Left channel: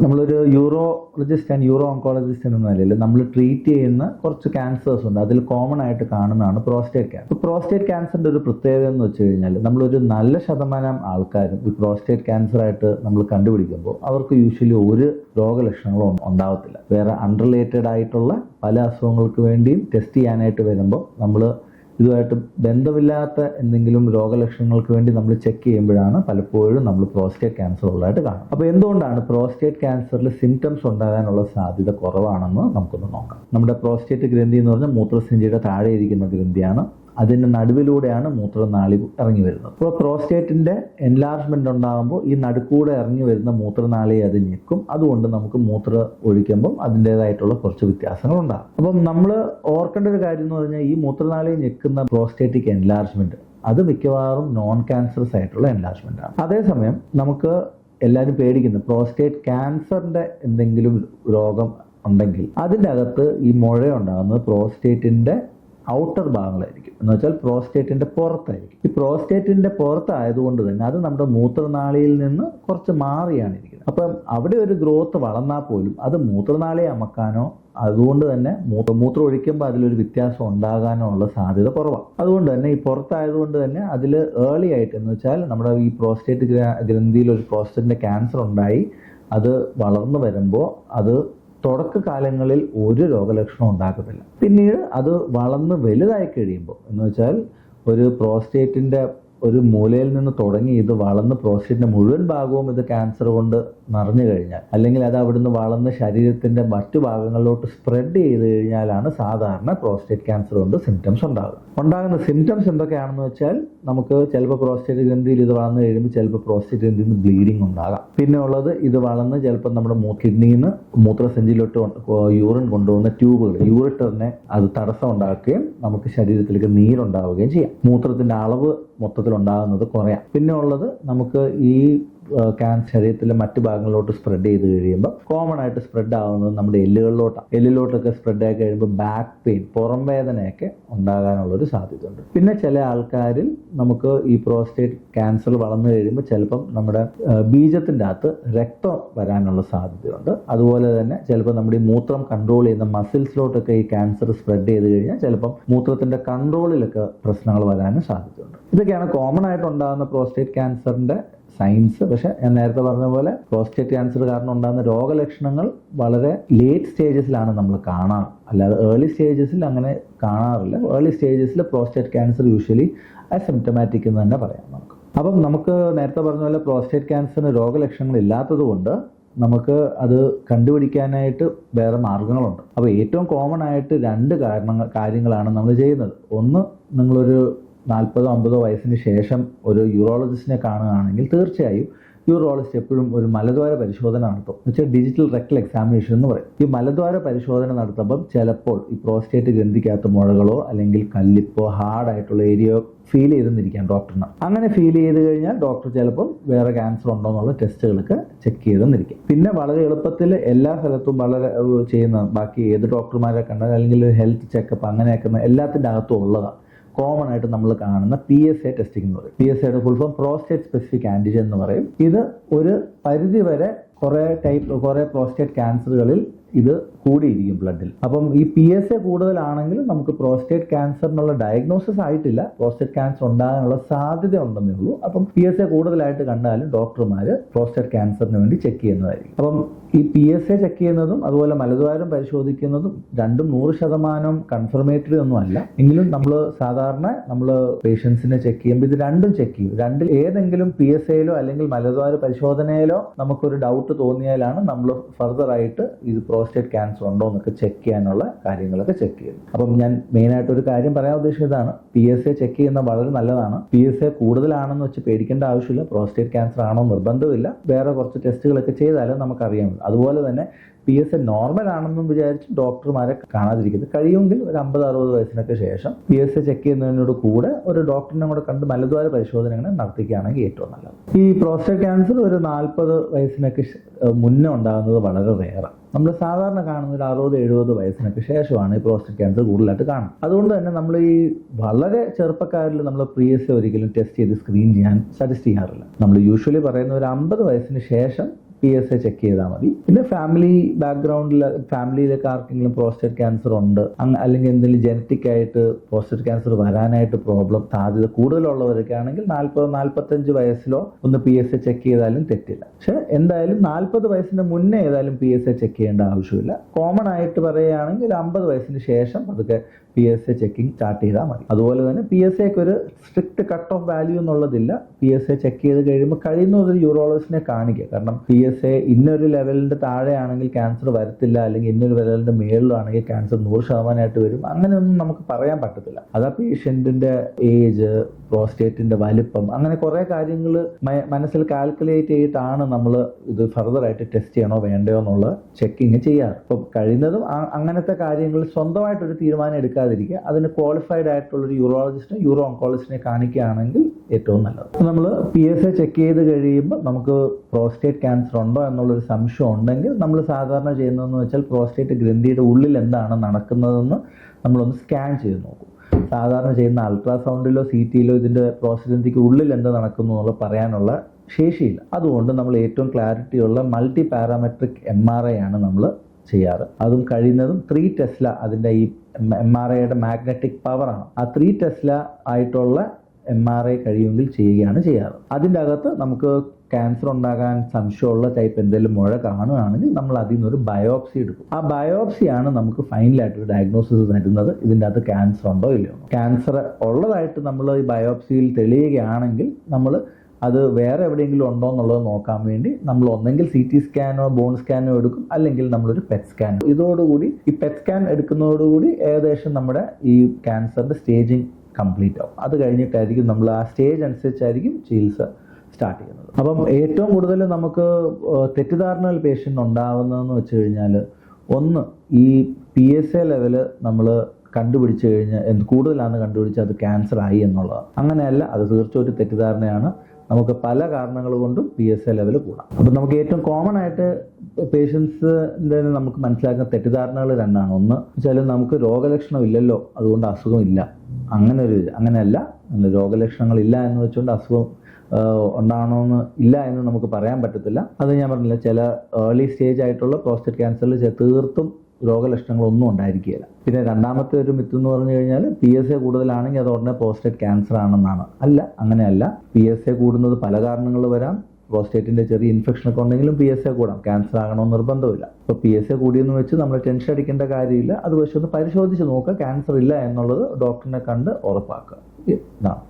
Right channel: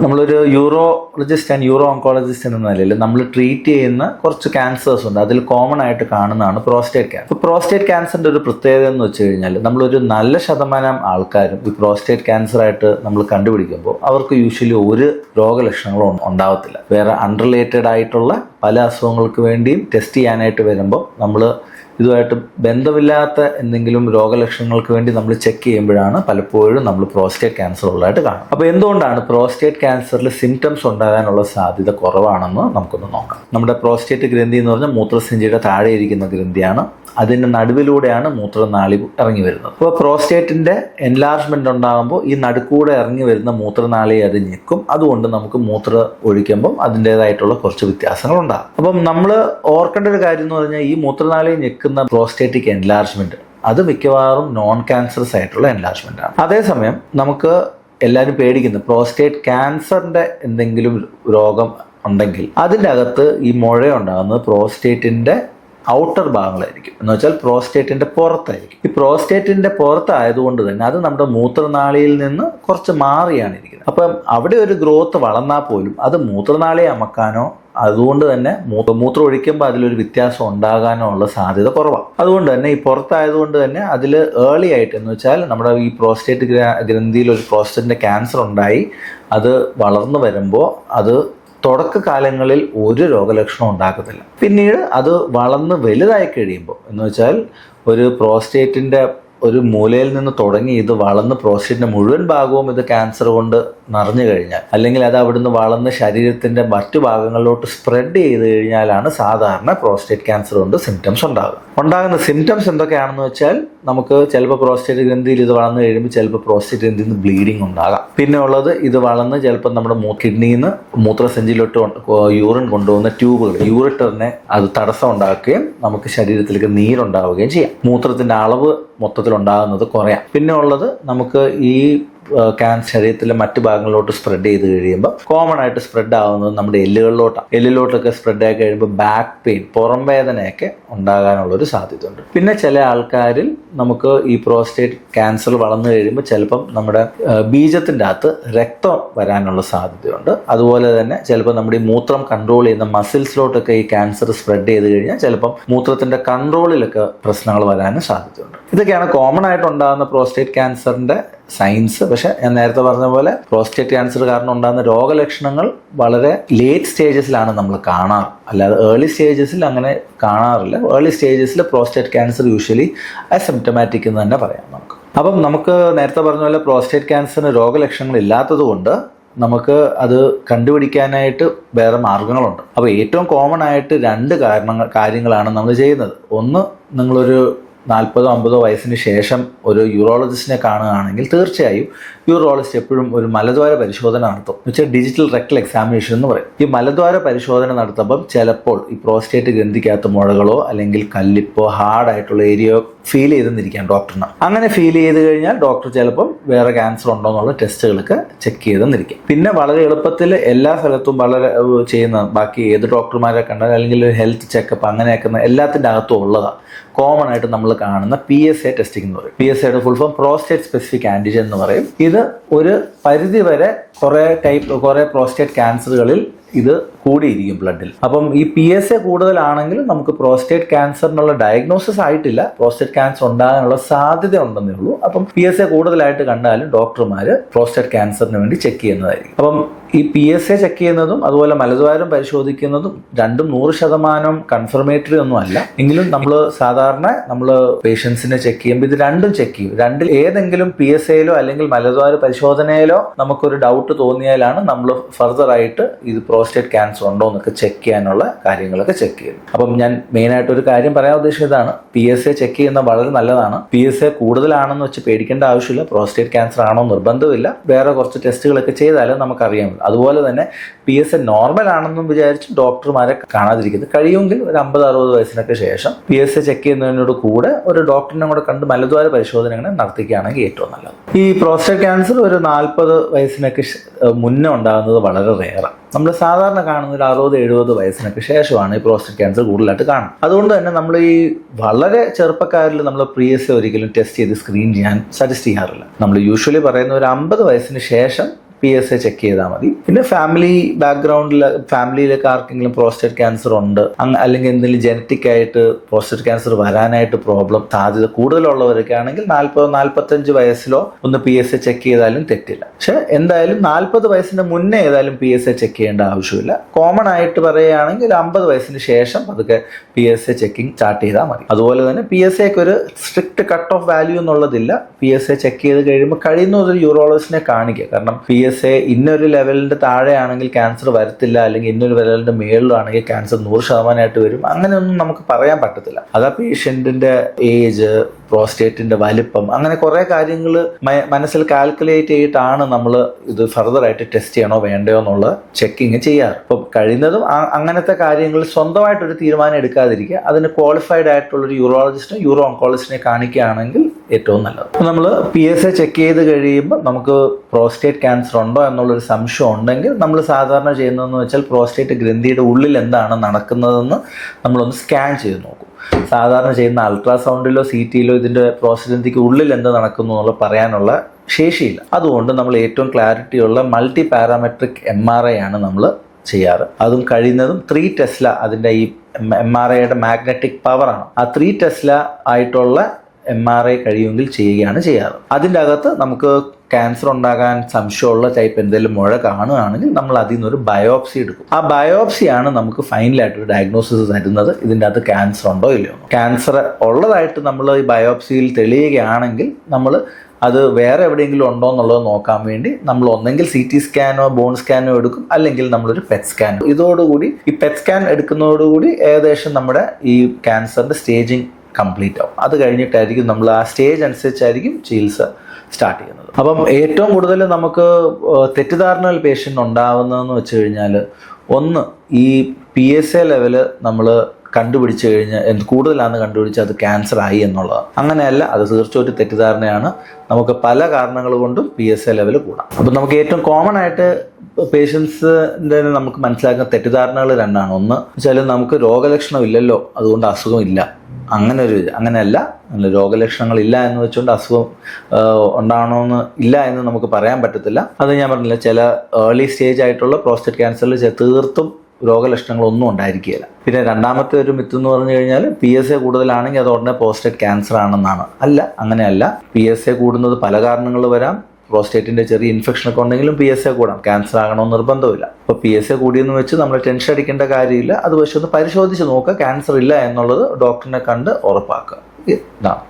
നമ്മളൊരു urologist and euro oncologist എന്ന നിലയിൽ നമ്മൾ ട്രീറ്റ് ചെയ്യുന്ന കുറച്ച് ക്യാൻസേഴ്സ് ഉണ്ട്. അതിൽ കോമൺ ആയിട്ട് കാണുന്നതാണ് പ്രോസ്റ്റേറ്റ് ക്യാൻസർ. പ്രോസ്റ്റേറ്റ് ക്യാൻസറിന്റെ ഒരു പ്രത്യേകത എന്ന് വെച്ച് കഴിഞ്ഞാൽ നമ്മളൊരു നല്ല ശതമാനം ആൾക്കാരും ഈ പ്രോസ്റ്റേറ്റ് ക്യാൻസർ ആയിട്ട് നമ്മൾ കണ്ടുപിടിക്കുമ്പോൾ അവർക്ക് യൂഷ്വലി ഒരു രോഗലക്ഷണങ്ങളും ഉണ്ടാവത്തില്ല. വേറെ അൺറിലേറ്റഡ് ആയിട്ടുള്ള പല അസുഖങ്ങൾക്ക് വേണ്ടിയും ടെസ്റ്റ് ചെയ്യാനായിട്ട് വരുമ്പോൾ നമ്മൾ ഇതുമായിട്ട് ബന്ധമില്ലാത്ത എന്തെങ്കിലും രോഗലക്ഷണങ്ങൾക്ക് വേണ്ടി നമ്മൾ ചെക്ക് ചെയ്യുമ്പോഴാണ് പലപ്പോഴും നമ്മൾ പ്രോസ്റ്റേറ്റ് ക്യാൻസർ ഉള്ളതായിട്ട് കാണും. അപ്പോൾ എന്തുകൊണ്ടാണ് പ്രോസ്റ്റേറ്റ് ക്യാൻസറിൽ സിംറ്റംസ് ഉണ്ടാകാനുള്ള സാധ്യത കുറവാണെന്ന് നമുക്കൊന്ന് നോക്കാം. നമ്മുടെ പ്രോസ്റ്റേറ്റ് ഗ്രന്ഥി എന്ന് പറഞ്ഞാൽ മൂത്രസഞ്ചിയുടെ താഴെ ഇരിക്കുന്ന ഗ്രന്ഥിയാണ്. അതിൻ്റെ നടുവിലൂടെയാണ് മൂത്രനാളി ഇറങ്ങി വരുന്നത്. അപ്പോൾ പ്രോസ്റ്റേറ്റിൻ്റെ എൻലാർജ്മെൻ്റ് ഉണ്ടാകുമ്പോൾ ഈ നടുക്കൂടെ ഇറങ്ങി വരുന്ന മൂത്രനാളിയെ അത് ഞെക്കും. അതുകൊണ്ട് നമുക്ക് മൂത്രം ഒഴിക്കുമ്പം അതിൻ്റേതായിട്ടുള്ള കുറച്ച് വ്യത്യാസങ്ങൾ ഉണ്ടാകും. അപ്പം നമ്മൾ ഓർക്കേണ്ട ഒരു കാര്യം എന്ന് പറഞ്ഞാൽ ഈ മൂത്രനാളിയെ ഞെക്കുന്ന പ്രോസ്റ്റേറ്റിക് എൻലാർജ്മെൻറ്റ് അത് മിക്കവാറും നോൺ ക്യാൻസറസ് ആയിട്ടുള്ള എൻലാർജ്മെൻ്റ് ആണ്. അതേസമയം നമുക്ക് എല്ലാവരും പേടിക്കുന്ന പ്രോസ്റ്റേറ്റ് ക്യാൻസറിൻ്റെ എന്തെങ്കിലും രോഗം ഉണ്ടെങ്കിൽ അതിൻ്റെ അകത്ത് ഈ മുഴ ഉണ്ടാകുന്നത് പ്രോസ്റ്റേറ്റിൻ്റെ ഔട്ടർ ഭാഗങ്ങളായിരിക്കും. എന്ന് വെച്ചാൽ പ്രോസ്റ്റേറ്റിൻ്റെ പുറത്തായിരിക്കും. ഈ പ്രോസ്റ്റേറ്റിൻ്റെ പുറത്തായതുകൊണ്ട് തന്നെ അത് നമ്മുടെ മൂത്രനാളിയിൽ നിന്ന് കുറച്ച് മാറിയാണ് ഇരിക്കുന്നത്. അപ്പം അവിടെ ഒരു ഗ്രോത്ത് വളർന്നാൽ പോലും അത് മൂത്രനാളിയെ അമക്കാനോ അതുകൊണ്ട് തന്നെ മൂത്രം ഒഴിക്കുമ്പോൾ അതിലൊരു വ്യത്യാസം ഉണ്ടാകാനോ ഉള്ള സാധ്യത കുറവാണ്. അതുകൊണ്ട് തന്നെ ഈ പുറത്തായതുകൊണ്ട് തന്നെ അതിൽ ഏർലി ആയിട്ട് എന്ന് വെച്ചാൽ നമ്മുടെ ഈ പ്രോസ്റ്റേറ്റ് ഗ്രന്ഥിയിൽ ഒരു പ്രോസ്റ്റേറ്റിൻ്റെ ക്യാൻസർ ഉണ്ടായി അത് വളർന്നു വരുമ്പോൾ അത് തുടക്കകാലങ്ങളിൽ ഒരു രോഗലക്ഷണം ഉണ്ടാക്കത്തില്ല. പിന്നീട് അത് വളർന്ന് വലുതായി കഴിയുമ്പോൾ എന്ന് വെച്ചാൽ ഒരു പ്രോസ്റ്റേറ്റിൻ്റെ ഒരു മൂലയിൽ നിന്ന് തുടങ്ങി ഇത് വളർന്ന് പ്രോസ്റ്റേറ്റിൻ്റെ മുഴുവൻ ഭാഗവും ഇത് ക്യാൻസർ കൊണ്ട് നിറഞ്ഞു കഴിഞ്ഞാൽ അല്ലെങ്കിൽ അത് അവിടുന്ന് വളർന്ന് ശരീരത്തിൻ്റെ മറ്റു ഭാഗങ്ങളിലോട്ട് സ്പ്രെഡ് ചെയ്ത് കഴിഞ്ഞാലാണ് സാധാരണ പ്രോസ്റ്റേറ്റ് ക്യാൻസർ കൊണ്ട് സിംറ്റംസ് ഉണ്ടാകുന്ന സിംറ്റംസ് എന്തൊക്കെയാണെന്ന് വെച്ചാൽ നമുക്ക് ചിലപ്പോൾ പ്രോസ്റ്റേറ്റ് ഗ്രന്ഥിയിൽ ഇത് വളർന്നു കഴിയുമ്പോൾ ചിലപ്പോൾ പ്രോസ്റ്റേറ്റ് ഗ്രന്ഥിയിൽ നിന്ന് ബ്ലീഡിങ് ഉണ്ടാകാം. പിന്നെ ഉള്ളത് ഇത് വളർന്ന് ചിലപ്പോൾ നമ്മുടെ കിഡ്നിയിൽ നിന്ന് മൂത്രസഞ്ചിയിലോട്ട് യൂറിൻ കൊണ്ടുപോകുന്ന ട്യൂബുകൾ യൂറിറ്ററിനെ അത് തടസ്സം ഉണ്ടാക്കുകയും നമുക്ക് ശരീരത്തിലേക്ക് നീരുണ്ടാവുകയും ചെയ്യാം. മൂത്രത്തിൻ്റെ അളവ് മൊത്തത്തിൽ ഉണ്ടാകുന്നത് കുറയാം. പിന്നെ ഉള്ളത് നമുക്ക് ഈ ക്യാൻസർ ശരീരത്തിലെ മറ്റു ഭാഗങ്ങളിലോട്ട് സ്പ്രെഡ് ചെയ്ത് കഴിയുമ്പോൾ കോമൺ ആയിട്ട് സ്പ്രെഡ് ആവുന്നത് നമ്മുടെ എല്ലുകളിലോട്ടൊക്കെ സ്പ്രെഡ് ആയി കഴിയുമ്പോൾ ബാക്ക് പെയിൻ പുറം വേദനയൊക്കെ ഉണ്ടാകാനുള്ളൊരു സാധ്യതയുണ്ട്. പിന്നെ ചില ആൾക്കാരിൽ നമുക്ക് ഈ പ്രോസ്റ്റേറ്റ് ക്യാൻസർ വളർന്നു കഴിയുമ്പോൾ ചിലപ്പം നമ്മുടെ ബീജത്തിൻ്റെ അകത്ത് രക്തം വരാനുള്ള സാധ്യതയുണ്ട്. അതുപോലെ തന്നെ ചിലപ്പോൾ നമ്മുടെ ഈ മൂത്രം കൺട്രോൾ ചെയ്യുന്ന മസിൽസിലോട്ടൊക്കെ ഈ ക്യാൻസർ സ്പ്രെഡ് ചെയ്ത് കഴിഞ്ഞാൽ ചിലപ്പം മൂത്രത്തിൻ്റെ കൺട്രോളിലൊക്കെ പ്രശ്നങ്ങൾ വരാനും സാധ്യതയുണ്ട്. ഇതൊക്കെയാണ് കോമൺ ആയിട്ട് ഉണ്ടാകുന്ന പ്രോസ്റ്റേറ്റ് ക്യാൻസറിൻ്റെ സയൻസ്. പക്ഷെ ഞാൻ നേരത്തെ പറഞ്ഞ പോലെ പ്രോസ്റ്റേറ്റ് ക്യാൻസർ കാരണം ഉണ്ടാകുന്ന രോഗലക്ഷണങ്ങൾ വളരെ ലേറ്റ് സ്റ്റേജസിലാണ് നമ്മൾ കാണാറ്. അല്ലാതെ ഏർലി സ്റ്റേജസിൽ അങ്ങനെ കാണാറില്ല. ഏർലി സ്റ്റേജസിൽ പ്രോസ്റ്റേറ്റ് ക്യാൻസർ യൂഷ്വലി അസിംപ്റ്റമാറ്റിക് എന്ന് തന്നെ പറയാം നമുക്ക്. അപ്പം നമുക്ക് നേരത്തെ പറഞ്ഞ പോലെ പ്രോസ്റ്റേറ്റ് ക്യാൻസറിന് രോഗലക്ഷണങ്ങൾ ഇല്ലാത്തത് കൊണ്ട് നമുക്ക് അത് കണ്ടുപിടിക്കാനായിട്ട് വേറെ മാർഗങ്ങളുണ്ട്. അപ്പോൾ ഏറ്റവും കോമൺ ആയിട്ട് രണ്ട് കാര്യങ്ങളാണ് നമ്മൾ ചെയ്യുന്നത്. ഒന്ന്, നിങ്ങളൊരു 40-50 വയസ്സിന് ശേഷം ഒരു യൂറോളജിസ്റ്റിനെ കാണുകയാണെങ്കിൽ തീർച്ചയായും യൂറോളജിസ്റ്റ് എപ്പോഴും ഒരു മലദ്വാര പരിശോധന നടത്തും. എന്ന് വെച്ചാൽ ഡിജിറ്റൽ റെക്ടൽ എക്സാമിനേഷൻ എന്ന് പറയും. ഈ മലദ്വാര പരിശോധന നടത്തുമ്പം ചിലപ്പോൾ ഈ പ്രോസ്റ്റേറ്റ് ഗ്രന്ഥിക്കകത്ത് മുഴകളോ അല്ലെങ്കിൽ കല്ലിപ്പോ ഹാർഡായിട്ടുള്ള ഏരിയയോ ഫീൽ ചെയ്തെന്നിരിക്കാം ഡോക്ടറിന്. അങ്ങനെ ഫീൽ ചെയ്ത് കഴിഞ്ഞാൽ ഡോക്ടർ ചിലപ്പം വേറെ ക്യാൻസർ ഉണ്ടോ എന്നുള്ള ടെസ്റ്റുകളൊക്കെ ചെക്ക് ചെയ്തെന്നിരിക്കും. പിന്നെ വളരെ എളുപ്പത്തിൽ എല്ലാ സ്ഥലത്തും വളരെ ചെയ്യുന്ന ബാക്കി ഏത് ഡോക്ടർമാരെ കണ്ടാൽ അല്ലെങ്കിൽ ഹെൽത്ത് ചെക്കപ്പ് അങ്ങനെയൊക്കെ എല്ലാത്തിൻ്റെ അകത്തും ഉള്ളതാണ്. കോമൺ ആയിട്ട് നമ്മൾ കാണുന്ന PSA ടെസ്റ്റിംഗ് എന്ന് പറയും. PSAയുടെ full form prostate specific antigen എന്ന് പറയും. ഇത് ഒരു പരിധി വരെ കുറേ പ്രോസ്റ്റേറ്റ് ക്യാൻസറുകളിൽ ഇത് കൂടിയിരിക്കും ബ്ലഡിൽ. അപ്പം ഈ PSA കൂടുതലാണെങ്കിൽ നമുക്ക് പ്രോസ്റ്റേറ്റ് ക്യാൻസറിനുള്ള ഡയഗ്നോസിസ് ആയിട്ടില്ല, പ്രോസ്റ്റേറ്റ് ക്യാൻസർ ഉണ്ടാകാനുള്ള സാധ്യത ഉണ്ടെന്നേ ഉള്ളൂ. അപ്പം PSA കൂടുതലായിട്ട് കണ്ടാലും ഡോക്ടർമാർ പ്രോസ്റ്റേറ്റ് ക്യാൻസറിന് വേണ്ടി ചെക്ക് ചെയ്യുന്നതായിരിക്കും. അപ്പം ഈ PSA ചെക്ക് ചെയ്യുന്നതും അതുപോലെ മലദ്വാരം പരിശോധിക്കുന്നതും രണ്ടും 100% കൺഫർമേറ്ററി ഒന്നും അല്ല. എങ്കിലും നമ്മൾ സാധാരണ പേഷ്യൻസിനെ ചെക്ക് ചെയ്യുമ്പോൾ ഇത് രണ്ടും ചെക്ക് ചെയ്യും. രണ്ടിൽ ഏതെങ്കിലും PSAയിലോ അല്ലെങ്കിൽ മലദ്വാര പരിശോധനയിലോ നമുക്കൊരു ഡൗട്ട് തോന്നിയാലാണ് നമ്മൾ ഫർദർ ആയിട്ട് ഇത് പ്രോസ്റ്റേറ്റ് ക്യാൻസർ ഉണ്ടോ എന്നൊക്കെ ചെക്ക് ചെയ്യാനുള്ള കാര്യങ്ങളൊക്കെ ചെക്ക് ചെയ്യുന്നു. അപ്പം ഞാൻ മെയിനായിട്ട് ഒരു കാര്യം പറയാൻ ഉദ്ദേശിച്ചതാണ്, PSA ചെക്ക് ചെയ്യുന്നത് വളരെ നല്ലതാണ്. PSA കൂടുതലാണെന്ന് വെച്ച് പേടിക്കേണ്ട ആവശ്യമില്ല. പ്രോസ്റ്റേറ്റ് ക്യാൻസർ ആണോ നിർബന്ധമില്ല. വേറെ കുറച്ച് ടെസ്റ്റുകളൊക്കെ ചെയ്താലും നമുക്കറിയാം. അതുപോലെ തന്നെ PSA നോർമൽ ആണെന്നും വിചാരിച്ച് ഡോക്ടർമാരെ കാണാതിരിക്കുന്നത്. കഴിയുമെങ്കിൽ ഒരു 50-60 വയസ്സിനൊക്കെ ശേഷം PSA ചെക്ക് ചെയ്യുന്നതിനോട് കൂടെ ഒരു ഡോക്ടറിനെ കൂടെ കണ്ട് മലദ്വാര പരിശോധനകൾ നടത്തിക്കുകയാണെങ്കിൽ ഏറ്റവും നല്ലത്. ഈ പ്രോസ്റ്റേറ്റ് ക്യാൻസർ ഒരു 40 വയസ്സിനൊക്കെ മുന്നേ ഉണ്ടാകുന്നത് വളരെ റെയറാണ്. നമ്മൾ സാധാരണ കാണുന്ന ഒരു 60-70 വയസ്സിനൊക്കെ ശേഷമാണ് ഈ പ്രോസ്റ്റേറ്റ് ക്യാൻസർ കൂടുതലായിട്ട് കാണുന്നത്. അതുകൊണ്ട് തന്നെ നമ്മൾ ഈ വളരെ ചെറുപ്പക്കാരിൽ നമ്മൾ PSA ഒരിക്കലും ടെസ്റ്റ് ചെയ്ത് സ്ക്രീൻ ചെയ്യാൻ സജസ്റ്റ് ചെയ്യാറില്ല. നമ്മൾ യൂഷ്വലി പറയുന്ന ഒരു 50 വയസ്സിന് ശേഷം PSA ചെക്ക് ചെയ്താൽ മതി. പിന്നെ ഫാമിലി ബാക്ക്ഗ്രൗണ്ടിൽ ഫാമിലിയിലൊക്കെ ആർക്കെങ്കിലും പ്രോസ്റ്റേറ്റ് ക്യാൻസർ ഉണ്ട്, അല്ലെങ്കിൽ എന്തെങ്കിലും ജനറ്റിക് ആയിട്ട് പ്രോസ്റ്റേറ്റ് ക്യാൻസർ വരാനായിട്ട് പ്രോബ്ലം സാധ്യത കൂടുതലുള്ളവരൊക്കെ ആണെങ്കിൽ 40-45 വയസ്സിലോ ഒന്ന് PSA ചെക്ക് ചെയ്താലും തെറ്റില്ല. പക്ഷെ എന്തായാലും 40 വയസ്സിന് മുന്നേ ഏതായാലും PSA ചെക്ക് ചെയ്യേണ്ട ആവശ്യമില്ല. കോമൺ ആയിട്ട് പറയുകയാണെങ്കിൽ 50 വയസ്സിന് ശേഷം അതൊക്കെ PSA ചെക്കിങ് സ്റ്റാർട്ട് ചെയ്താൽ മതി. അതുപോലെ തന്നെ PSAക്ക് ഒരു സ്ട്രിക്റ്റ് കട്ട് ഓഫ് വാല്യൂ എന്നുള്ളതില്ല. PSA ചെക്ക് ചെയ്ത് കഴിയുമ്പോൾ കഴിയുന്ന ഒരു യൂറോളജിസ്റ്റിനെ കാണിക്കുക. കാരണം PSA ഇന്നൊരു ലെവലിന്റെ താഴെയാണെങ്കിൽ ക്യാൻസർ വരത്തില്ല, അല്ലെങ്കിൽ ഇന്നൊരു ലെവലിന്റെ മേളിലാണെങ്കിൽ ക്യാൻസർ 100% വരും, അങ്ങനെയൊന്നും നമുക്ക് പറയാൻ പറ്റത്തില്ല. അതാ പേഷ്യന്റിന്റെ ഏജ്, പ്രോസ്റ്റേറ്റിന്റെ വലിപ്പം, അങ്ങനെ കുറെ കാര്യങ്ങൾ മനസ്സിൽ കാൽക്കുലേറ്റ് ചെയ്തിട്ടാണ് നമ്മൾ ഇത് ഫർദർ ആയിട്ട് ടെസ്റ്റ് ചെയ്യണോ വേണ്ടയോ എന്നുള്ള ചെക്കിങ് ചെയ്യാറ്. ഇപ്പം കഴിയുന്നതും അങ്ങനത്തെ കാര്യങ്ങൾ സ്വന്തമായിട്ടൊരു തീരുമാനം എടുക്കാതിരിക്കുക. അതിന് ക്വാളിഫൈഡ് ആയിട്ടുള്ളൊരു യൂറോളജിസ്റ്റിനെ, യൂറോ ഓങ്കോളജിസ്റ്റിനെ കാണിക്കുകയാണെങ്കിൽ ഏറ്റവും നല്ലത്. അപ്പോൾ നമ്മൾ PSA ചെക്ക് ചെയ്ത് കഴിയുമ്പോൾ നമുക്ക് പ്രോസ്റ്റേറ്റ് ക്യാൻസർ ഉണ്ടോ എന്നുള്ളൊരു സംശയം ഉണ്ടെങ്കിൽ നമ്മൾ സാധാരണ ചെയ്യുന്നതെന്ന് വെച്ചാൽ പ്രോസ്റ്റേറ്റ് ഗ്രന്ഥിയുടെ ഉള്ളിൽ എന്താണ് നടക്കുന്നതെന്ന് നമ്മളൊന്ന് സ്കാൻ ചെയ്ത് നോക്കും. സാധാരണ ചെയ്യുന്ന അൾട്രാസൗണ്ടിലോ CTയിലോ ഇതിൻ്റെ പ്രോസ്റ്റേറ്റ് ഗ്രന്ഥിക്ക് ഉള്ളിൽ എന്ത് നടക്കുന്നു എന്നുള്ള പറയാനുള്ള ശേഷിയില്ല. അതുകൊണ്ട് നമ്മൾ ഏറ്റവും ക്ലാരിറ്റിയുള്ള മൾട്ടി പാരാമെട്രിക് MRI ആണ് നമ്മൾ ചെയ്യാറ്. അതും കഴിയുന്നതും 3 ടെസ്ല അതിൻ്റെ ഈ MRIയുടെ മാഗ്നറ്റിക് പവറാണ്. ആ 3 ടെസ്ല ആയിട്ടുള്ള MRI കഴിയുമെങ്കിൽ ചെയ്യുകയാണ് ചെയ്യാറ്. അതിൻ്റെ അകത്ത് നമുക്ക് ക്യാൻസർ ഉണ്ടാകാൻ സംശയമുള്ള ടൈപ്പ് എന്തെങ്കിലും മുഴ കാണുകയാണെങ്കിൽ നമ്മൾ അതിൽ നിന്നൊരു ബയോപ്സി എടുക്കും. ആ ബയോപ്സിയാണ് നമുക്ക് ഫൈനലായിട്ടൊരു ഡയഗ്നോസിസ് തരുന്നത്, ഇതിൻ്റെ അകത്ത് ക്യാൻസർ ഉണ്ടോ ഇല്ലയോ. ക്യാൻസർ ഉള്ളതായിട്ട് നമ്മൾ ഈ ബയോപ്സിയിൽ തെളിയുകയാണെങ്കിൽ നമ്മൾ അത് വേറെ എവിടെയെങ്കിലും ഉണ്ടോ എന്നുള്ളത് നോക്കാൻ വേണ്ടി നമ്മൾ ഒന്നെങ്കിൽ CT സ്കാനോ ബോൺ സ്കാനോ എടുക്കും, അല്ലെങ്കിൽ നമ്മളൊരു PET സ്കാൻ. ഇതോടുകൂടി ഈ PET സ്കാൻ എടുക്കുന്നതോടുകൂടി ഏകദേശം നമ്മുടെ ഈ ക്യാൻസറിൻ്റെ സ്റ്റേജിങ് കംപ്ലീറ്റ് ആവും. അത് കഴിഞ്ഞിട്ടായിരിക്കും നമ്മൾ ആ സ്റ്റേജ് അനുസരിച്ചായിരിക്കും ചികിത്സ സ്റ്റാർട്ട് ചെയ്യുന്നത്. അപ്പം ഏറ്റവും കൂടുതൽ നമുക്ക് തെറ്റിദ്ധാരണകൾ പേഷ്യൻ്റ് ഉണ്ടാവുന്നതെന്ന് വെച്ച് കഴിഞ്ഞാൽ, ഒന്ന് ഈ PSA ലെവല് നമ്മൾ കണ്ടുപിടിച്ച് കഴിഞ്ഞാൽ കൂടുതലാണെന്ന് കണ്ടുപിടിച്ച് അത് ക്യാൻസർ ആയി എന്നുള്ളതാണ്. അങ്ങനെയല്ല, അത് തീർച്ചയായും ഒരു തെറ്റിദ്ധാരണയാണ്. നമുക്ക് പല കാരണങ്ങൾ കൊണ്ടും PSA ലെവൽ കൂടാം. അപ്പം നമുക്ക് ഏറ്റവും കോമൺ ആയിട്ട് പേഷ്യൻസിൻ്റെ നമുക്ക് മനസ്സിലാക്കുന്ന തെറ്റിദ്ധാരണകൾ രണ്ടാണ്. ഒന്ന് വെച്ചാൽ നമുക്ക് രോഗലക്ഷണം ഇല്ലല്ലോ അതുകൊണ്ട് അസുഖമില്ല, അങ്ങനെയല്ല. രോഗലക്ഷണങ്ങളില്ല എന്ന് വെച്ചുകൊണ്ട് അസുഖം ഉണ്ടാവണമെന്ന് ഇല്ല എന്ന് നമുക്ക് പറയാൻ പറ്റത്തില്ല. അത് ഞാൻ പറഞ്ഞില്ല, ചില ഏർലി സ്റ്റേജ് ആയിട്ടുള്ള പ്രോസ്റ്റേറ്റ് ക്യാൻസറിൽ തീർത്തും രോഗലക്ഷണങ്ങളൊന്നും ഉണ്ടായിരിക്കുകയില്ല. പിന്നെ രണ്ടാമത്തെ ഒരു മിത്ത് എന്ന് പറഞ്ഞു കഴിഞ്ഞാൽ PSA കൂടുതലാണെങ്കിൽ അത് ഉടനെ പ്രോസ്റ്റേറ്റ് ക്യാൻസർ ആണെന്നാണ്. അല്ല, അങ്ങനെയല്ല. PSA കൂടുന്നത് പല കാരണങ്ങൾ വരാം. പ്രോസ്റ്റേറ്റിൻ്റെ ചെറിയ ഇൻഫെക്ഷനൊക്കെ ഉണ്ടെങ്കിലും PSA കൂടാം, ക്യാൻസർ ആകണമെന്ന് നിർബന്ധമില്ല. അപ്പോൾ PSA കൂടിയെന്ന് വെച്ച് നമ്മൾ ടെൻഷൻ അടിക്കേണ്ട കാര്യമില്ല. അത് പക്ഷെ ഒന്ന് പരിശോധിച്ച് നോക്കുക, ക്യാൻസർ ഇല്ല എന്നുള്ളത് ഡോക്ടറിനെ കണ്ട് ഉറപ്പാക്കുക. ഇതാണ്.